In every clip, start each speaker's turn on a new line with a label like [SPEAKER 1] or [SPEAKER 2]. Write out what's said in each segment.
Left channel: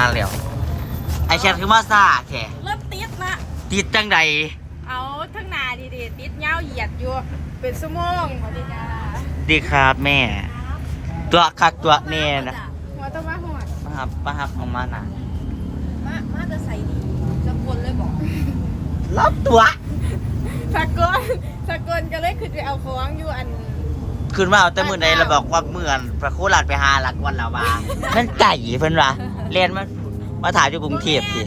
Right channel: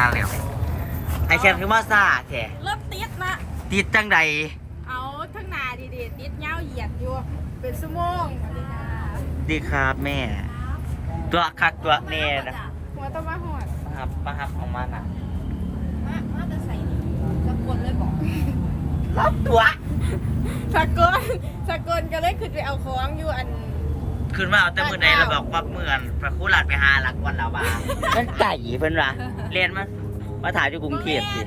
[SPEAKER 1] มาแล้ว ไอแคทคือมาซาแท้
[SPEAKER 2] รถติดนะ
[SPEAKER 1] ติดจังใด
[SPEAKER 2] เอาทั้งหนาดีๆติดเงาวเหยียดอยู่เป็นชั่วโมงสวัสดีจ้า
[SPEAKER 1] ดีครับแม่ ตัวคักตัวแน่นะ
[SPEAKER 2] หัวตะมาหอด
[SPEAKER 1] มาครับมาครับของมานะ
[SPEAKER 2] มามาจะใส่สักคนเลยบอก
[SPEAKER 1] รับตัว
[SPEAKER 2] สกลสกลก็เลยขึ้นไปเอาของอยู่อัน
[SPEAKER 1] ขึ้นมาเอาแต่มือไหนแล้วบอกว่าเมื่อนพระโคหลัดไปหาหลักวันแล้วว่านั่นไก่เพิ่นวะเรียนมามาถ่ายอยู่กรุงเทพสิ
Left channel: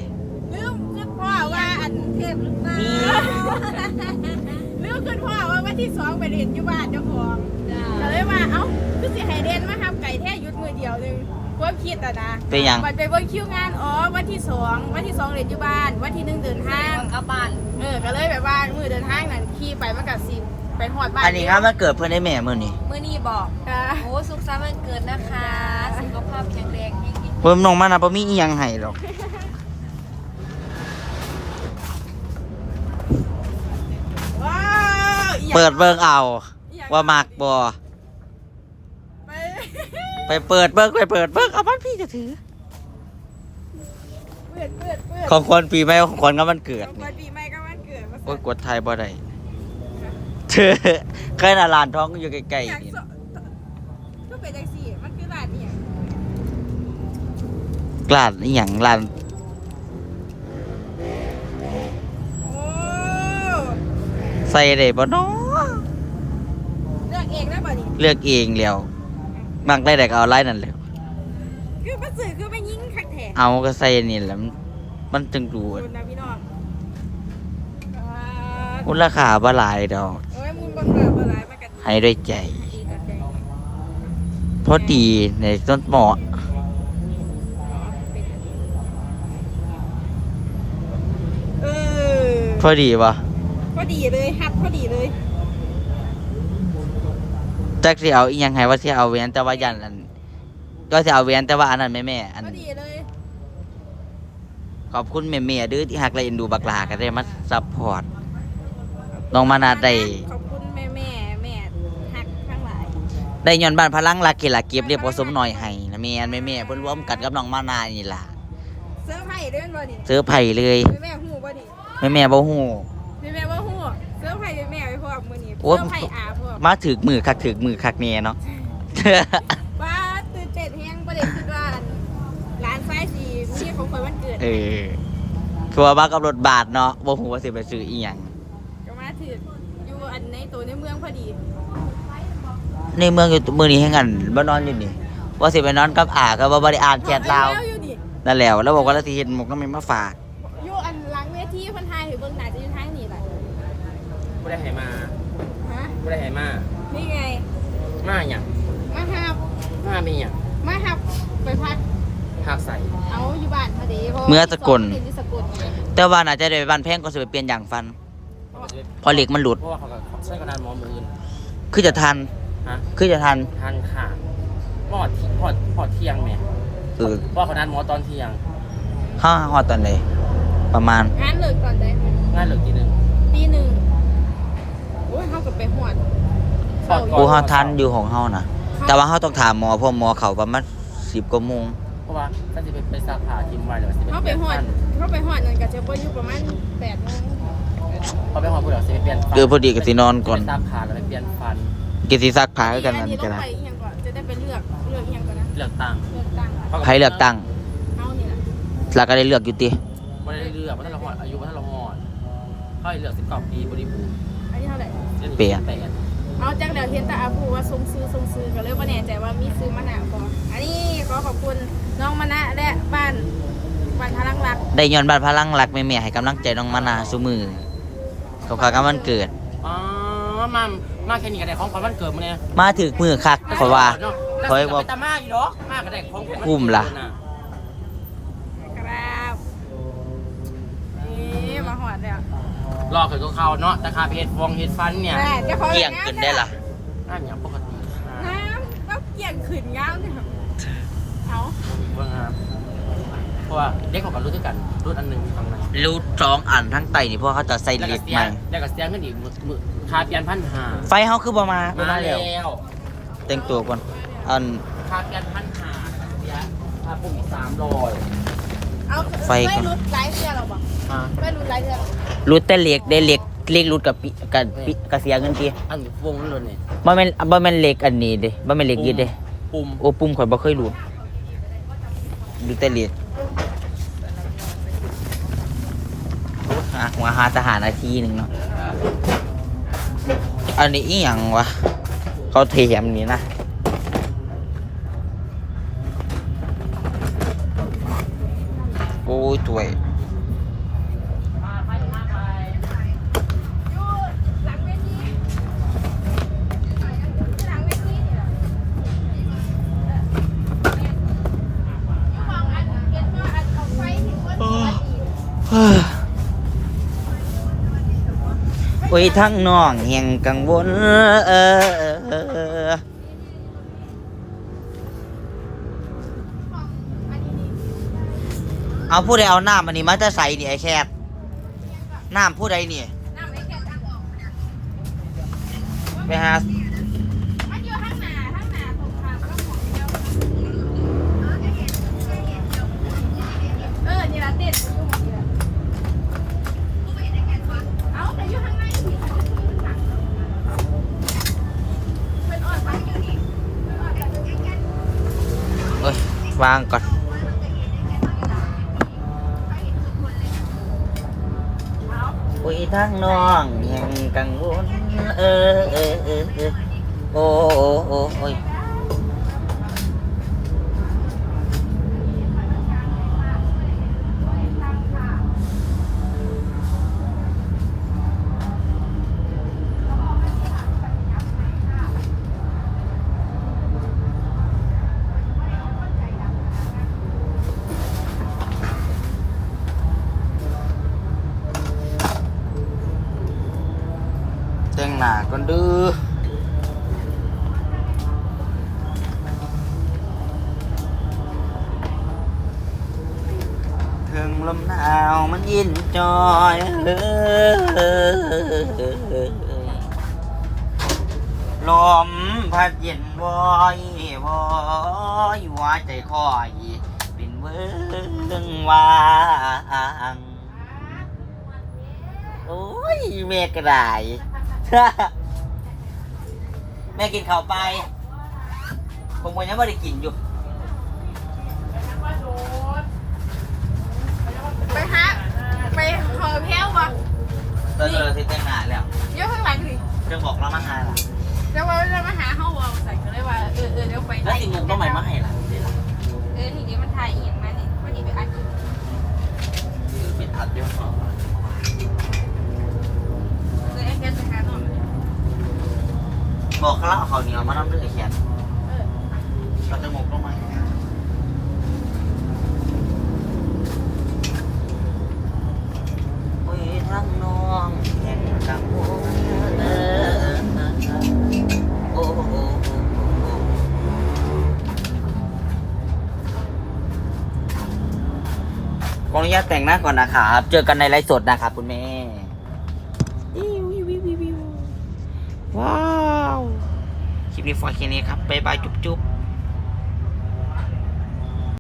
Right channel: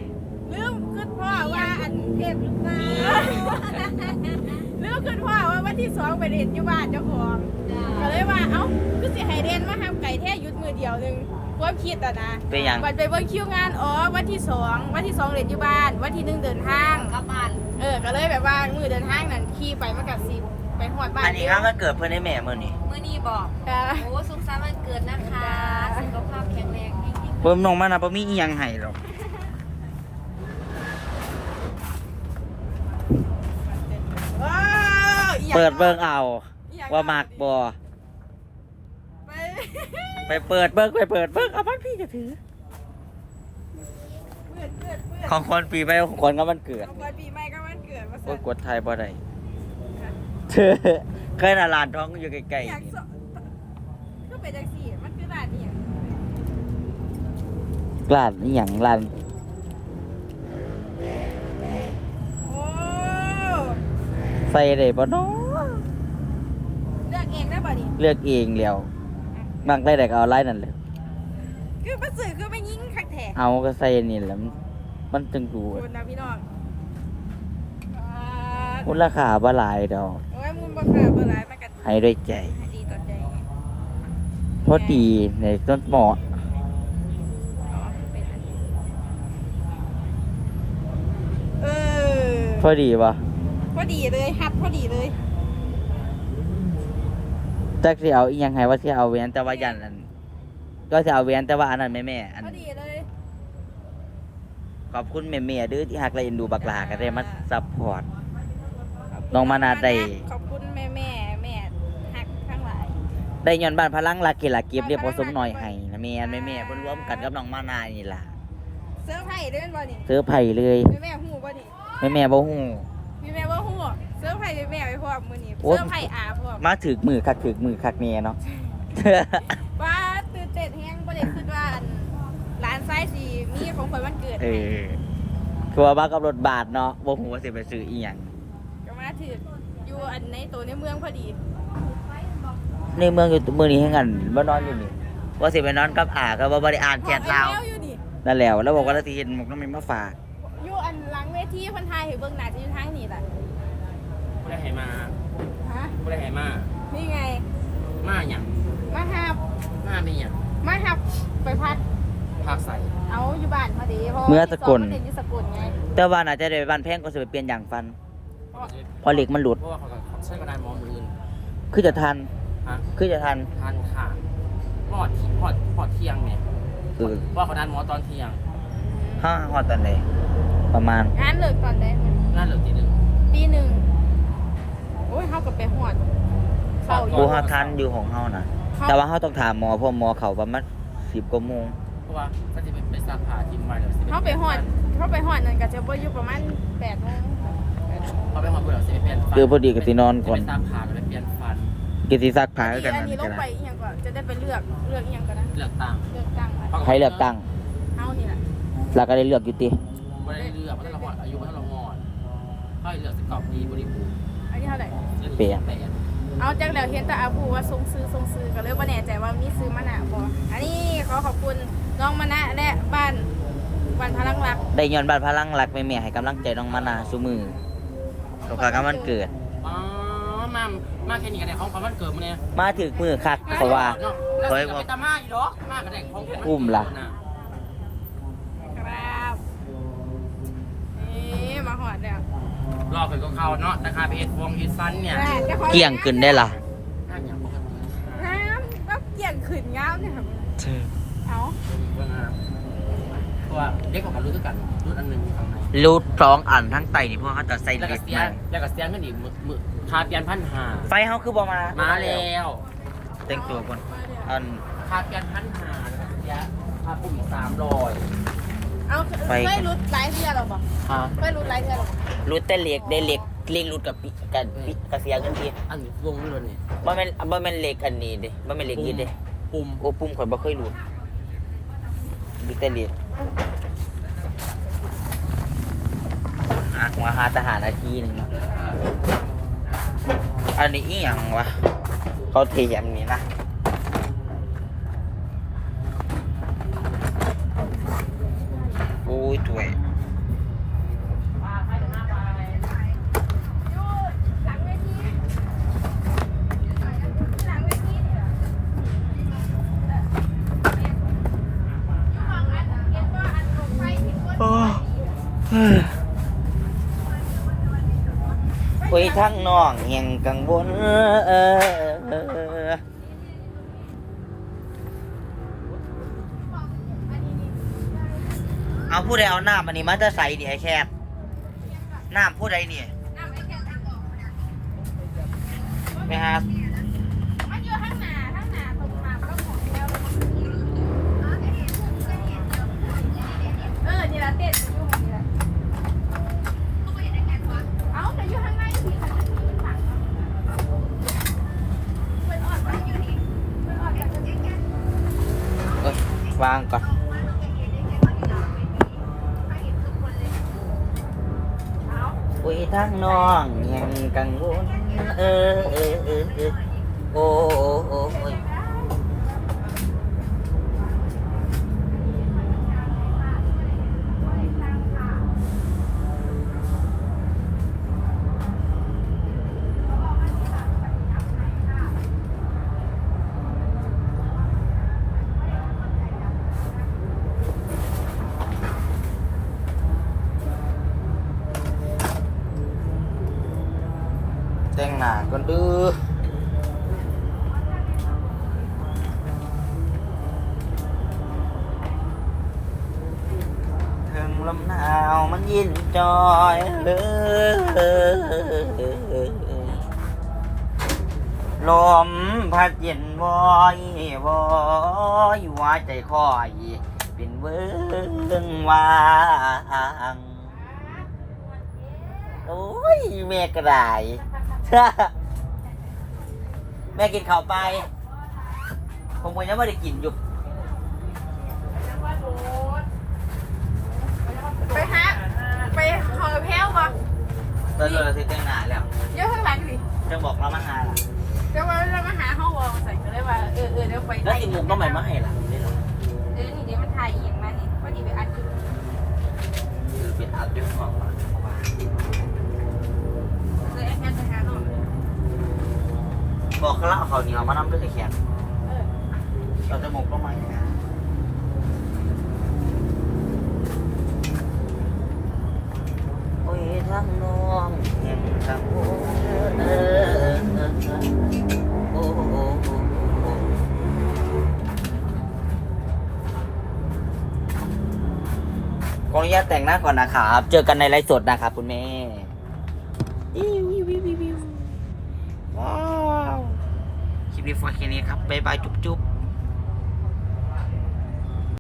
[SPEAKER 2] ลืมขึ้นพ่อว่าอันเทพหรือเปล่าลืมขึ้นพ่อว่าวันที่สองไปเรียนอยู่บ้านเจ้าของก็เลยว่าเอ้าคือสิให้เรียนมาทำไก่แท้หยุดมือเดียวหนึงความคิดอะนะ
[SPEAKER 1] เป็นหยัง
[SPEAKER 2] วันไปเบิ่งคิวงานอ๋อวันที่สองวันที่สองเรียนอยู่บ้าน วันที่หนึ่งเดินทาง
[SPEAKER 3] กลับบ้าน
[SPEAKER 2] เออก็เลยแบบว่ามือเดินทางนั่นขี่ไปมากับสิบ ไปหอดบ้าน
[SPEAKER 1] อันนี้ครับมันเกิดเพื่อนได้แม่มือนี่
[SPEAKER 3] มื้อนี้บอก
[SPEAKER 2] ค่ะ
[SPEAKER 3] โอ้สุขสันต์วันเกิดนะคะ
[SPEAKER 2] จ้า
[SPEAKER 3] สุขภาพแข็งแรงยิ่งๆ
[SPEAKER 1] เพิ่มนองมานะปมีอีหยังให้หรอก
[SPEAKER 2] ว้าวอีหยัง
[SPEAKER 1] เปิดเบิ่งเอา
[SPEAKER 2] อีหยัง
[SPEAKER 1] ว่ามักบ่
[SPEAKER 2] ไป
[SPEAKER 1] ไปเปิดเบิ่งไปเปิดเบิ่งเอาบ้านพี่จะถือ
[SPEAKER 2] เปิดเปิดเปิด
[SPEAKER 1] ของคนปีใหม่ของคนก็มันเกิด
[SPEAKER 2] ของคนปีใหม่ก็วันเกิดมา
[SPEAKER 1] โอ้
[SPEAKER 2] สั่
[SPEAKER 1] ย
[SPEAKER 2] น
[SPEAKER 1] กดไทยบ่ได้ เธอเคยน่าลานท้องอยู่ใกล้
[SPEAKER 2] อยาก
[SPEAKER 1] ๆนี่
[SPEAKER 2] สก็เป็นจังสี่มันคือร้านเนี่ย
[SPEAKER 1] ลานอีหยังลาน
[SPEAKER 2] โอ้
[SPEAKER 1] ใส่ได้บ่เนาะ
[SPEAKER 2] เลือกเองได้ป่ะนี่
[SPEAKER 1] เลือกเองแล้วมักได้แต่ก็เอาไล่นั่นแหละ
[SPEAKER 2] คือมาสื่อคือไม่ยิ่งคักแท้
[SPEAKER 1] เอาก็ใส่นี่แหละมันมันจึงดู
[SPEAKER 2] คุณนะพี่น้องอ่า
[SPEAKER 1] มูลค่าบ่หลายดอก
[SPEAKER 2] โอ้ยมูลบังคับอะไรมากัน
[SPEAKER 1] ให้ด้วยใจ
[SPEAKER 2] ดีต่อใจ
[SPEAKER 1] พอดีในต้นเหมาะ
[SPEAKER 2] อ๋อเป็นอันนี้เออ
[SPEAKER 1] พอดีปะ
[SPEAKER 2] พอดีเลยฮัดพอดีเลย
[SPEAKER 1] จักสิเอาอีหยังให้ว่าสิเอาแหวนแต่ว่ายันอันก็สิเอาแหวนแต่ว่าอันนั้นแม่แม่ๆอัน
[SPEAKER 2] พอดีเลย
[SPEAKER 1] ขอบคุณแม่แม่ๆเด้อที่หักและเอ็นดูบักหลาก็ได้มาซัพพอร์ต น้องมานาได้
[SPEAKER 2] ขอบคุณแม่แม่แม่ฮักทั้งหลาย
[SPEAKER 1] ได้ย้อนบ้านพลังรักเกลาเก็บเรียบผสมหน่อยให้นะแม่นแม่แม่ๆเพิ่นรวมกันกับน้องมานานี่ล่ะ
[SPEAKER 2] เสื้อร์ไผ่เด้นบ่นี่
[SPEAKER 1] เสื้อไผ่เลย
[SPEAKER 2] แม่แม่หูบ่นี่
[SPEAKER 1] แม่แม่ๆบ่ฮู้
[SPEAKER 2] แม่แม่ว่าหูเสื้อร์ไผ่แม่แม่ไปพวกมื้อนี้
[SPEAKER 1] โอ้
[SPEAKER 2] เสื้อร์ไผ่อาพวก
[SPEAKER 1] มาถึกมือคักถึกมือคักแน่เนาะ
[SPEAKER 2] ว่าตื่นเต้นแฮงประเด็นคือว่าอันร้านซ้ายสีมีของข่อยวันเกิด
[SPEAKER 1] เอ
[SPEAKER 2] ให้
[SPEAKER 1] อทัวร์มากับรถบาทเนาะบ่ฮู้ว่าสิไปซื้ออีหยัง
[SPEAKER 2] ก็มา ถืออยู่อันในตัวในเมืองพอดี
[SPEAKER 1] ในเมืองอยู่มื้อนี้แฮงกันบ่นอนอยู่นี่ว่าสิไปนอนกับอาก็บ่บ่ได้อ่านแชทดาว
[SPEAKER 2] แล้วอยู่นี่
[SPEAKER 1] นั่นแหละแล้วบอกว่าเราสิเห็นหมกน้ำมันมาฝาก
[SPEAKER 2] อยู่อันหลังเวทีเพันไทยให้เบิ่งหน้าจะอยู่ทางนี้แหละ
[SPEAKER 4] ไม่ได้ให้มา
[SPEAKER 2] ฮะ
[SPEAKER 4] ไม่ได้ให้มา
[SPEAKER 2] นี่ไง
[SPEAKER 4] มาอย่าง
[SPEAKER 2] มาหับ
[SPEAKER 4] มาเป็นอย่าง
[SPEAKER 2] มาหับไปพัก
[SPEAKER 4] ภาคใส่
[SPEAKER 2] เอาอยู่บ้านพอดีพราะว่า
[SPEAKER 1] เมื่อสกล
[SPEAKER 2] ที่องมันเรียนอยู่สกลไง
[SPEAKER 1] แต่ว่าน่าจะได้ไปบ้านแพงก็สิไปเปลี่ยนอย่างฟันเพอเหล็กมันหลุด
[SPEAKER 4] เพราะว่าเขาก็ใช้กระดานหมอมืออื่น
[SPEAKER 1] คือจะทัน
[SPEAKER 4] ฮะ
[SPEAKER 1] คือจะทัน
[SPEAKER 4] ทานขาดพอดพอดพอดเที่ยงเนี่ย
[SPEAKER 1] เออ
[SPEAKER 4] เพราะว่าเขานัดหมอตอนเที่ยง
[SPEAKER 1] ห้าฮอดตอนไหนประมาณ
[SPEAKER 2] งานเลิกก่อนได้ไหม
[SPEAKER 4] งานเหลือทีหนึ่ง
[SPEAKER 2] ตีหนึ่งโอ้ยเขากับไปหวดเศร้าอ
[SPEAKER 1] กู
[SPEAKER 2] ยู่
[SPEAKER 1] เฮาทันอยู่ของเฮานะแต่ว่าเฮาต้องถามหมอเพราะหมอเขาประมาณ10กว่าโมง
[SPEAKER 4] เพราะว่าถ้าจะไปไปซักผ้าทิมไว้แล้วสิ
[SPEAKER 2] เขาไปหอด เขาไปหอดนั่นก็จะบ่อยู่ประมาณแปดโมง
[SPEAKER 4] เขาไปหอดผู้หลักสิไปเปลี่ยนฟัน
[SPEAKER 1] เออพอดีก็สินอนก่อน
[SPEAKER 4] ไปซักผ้าแล้วไปเปลี่ยนฟัน
[SPEAKER 1] กิสิซักผ้า
[SPEAKER 2] อัน
[SPEAKER 1] กัน
[SPEAKER 2] นี้
[SPEAKER 1] นั่น
[SPEAKER 2] ล
[SPEAKER 1] ก็
[SPEAKER 2] ง
[SPEAKER 1] ได้
[SPEAKER 2] ไปอีกอย่างก่อนจะได้ไปเลือกเลือกอีกอย่างก่อนนะ
[SPEAKER 4] เลือกตั้ง
[SPEAKER 2] เลือกตั้งค่ะ
[SPEAKER 1] ใครเลือกตั้ง
[SPEAKER 2] เอานี่แหละ
[SPEAKER 1] แล้วก็ได้เลือกอยู่ติ
[SPEAKER 4] ไม่ได้เลือกว่าถ้าเราหอดอายุว่าถ้าเราหอดเขาให้เลือกสิบกว่าปีบริบูรณ์
[SPEAKER 2] อันนี้เท่าไหร่
[SPEAKER 1] เปลี่ยน
[SPEAKER 4] แปด
[SPEAKER 2] เอาจากแล้วเห็นแต่อาภูว่าทรงซื้อทรงซื้อก็เลยว่าแน่ใจว่ามีซื้อมะนาวบ่อันนี้ขอขอบคุณน้องมะนะและบ้านบ้านพลังรัก
[SPEAKER 1] ได้ย้อนบ้านพลังรักแม่ๆให้กำลังใจน้องมานาซุมือเขาพากันวันเกิด
[SPEAKER 4] อ๋อมามาแค่นี้ก็ได้ของขวัญวันเกิดมาเนี่ย
[SPEAKER 1] มาถึกมือคักเพราะว่า
[SPEAKER 4] แล้ว
[SPEAKER 1] เขา
[SPEAKER 4] สิ
[SPEAKER 1] ให้บอก
[SPEAKER 4] ไปตามาอีดอกมากก็ได้ของขวัญวันเกิด
[SPEAKER 1] อุ้มล่ะ
[SPEAKER 4] น่
[SPEAKER 2] ครับนี่มาหอดแล้ว
[SPEAKER 4] รอเกิดกับเขาเนาะแต่คาเพจฟองเฮ็ดฟันเนี่ย
[SPEAKER 2] แต่เจ้าของ
[SPEAKER 1] เกี่ยงขึ้นได้ล่ะ
[SPEAKER 4] น่าอย่างปกติค่ะ
[SPEAKER 2] น้ำก็เกี่ยงขึ้นยาวเนี่ยครับเอา
[SPEAKER 4] บ่มีว่างามเพ ราะว่าเด็กของกันรู้ด้วยกันรุ่นอันหนึงอยู่ข้างใน
[SPEAKER 1] รูดสองอันทั้งไตนี่เพราะเขาจะใส่
[SPEAKER 4] แล้ว
[SPEAKER 1] เห
[SPEAKER 4] ก็
[SPEAKER 1] ล็ก
[SPEAKER 4] เสีย
[SPEAKER 1] มา
[SPEAKER 4] แล้วก็เสียเงินอีกมือมือคาเปลี่ยนพันหา
[SPEAKER 1] ไฟเขาคือประมาณ
[SPEAKER 4] มาแล้ว
[SPEAKER 1] เต็มตัวก่อนอัน
[SPEAKER 4] คาเปลี่ยนพันหาแล้วก็เสียคาเป็นอีกสามร้อย
[SPEAKER 2] เอา
[SPEAKER 1] ไฟ
[SPEAKER 2] ไม่รุดไลท์เรือหรอบอก
[SPEAKER 4] อ่า
[SPEAKER 2] ไม่รุดไลท์เรือหรอ
[SPEAKER 1] รุดแต่เหล็กได้เหล็กเหล็กรุดกับปิกับปิกับเสียเงินที
[SPEAKER 4] อันนี้วงนั่นเลยนี่
[SPEAKER 1] บ่แม่นบ่แม่นเหล็กอันนี้เด้บ่แม่นเหล็กยืดเด้
[SPEAKER 4] ปุ่ม
[SPEAKER 1] โอ้ปุ่มข่อยบ่เคยรู้ดูแต่เหล็ก อะมาหาทหารอาทีหนึงเนาะอันนี้อีหยังวะเขาเทียมนี้นะโอ้ยถวย คุยทั้งน้องแห่งกังวลเอาผู้ใดเอาน้ำอันนี้มาจะใส่นี่ไอ้แคบน้ำผู้ใด
[SPEAKER 2] เนี่ยไป
[SPEAKER 1] หา คุยทางน้องยังกังวลเออเออเออเออโอ้โอ้โอ้ แต่งหน้าก่อนดื้อถึงลมหนาวมันยินจอยเออลมพัดเย็นวอยวอยว่าใจคอยเป็นเวิงวางโอ้ยเมฆกระได แม่กินข้าวไป ผมก็ยังไม่ได้กินอยู่
[SPEAKER 2] ไปหาไปหอแพ้วบ่
[SPEAKER 1] เออเออที่แต่งหน้าแล้ว
[SPEAKER 2] เยอะข้างหลังสิ
[SPEAKER 1] เรื่องบอกเรามางานล่ะ
[SPEAKER 2] แล้วว่าเรามาหาห้องวอใส่ก็เลยว่าเออเออเดี๋ยวไป
[SPEAKER 1] แล้วสิมุกก็ไม่มาให้ล่ะ ขออนุญาตแต่งหน้าก่อนนะครับ เจอกันในไลฟ์สดนะครับคุณแม่ว,ว,ว,ว,ว,ว้าว คลิปนี้ฟอยแค่นี้ครับ บ๊ายบาย จุ๊บจุ๊บ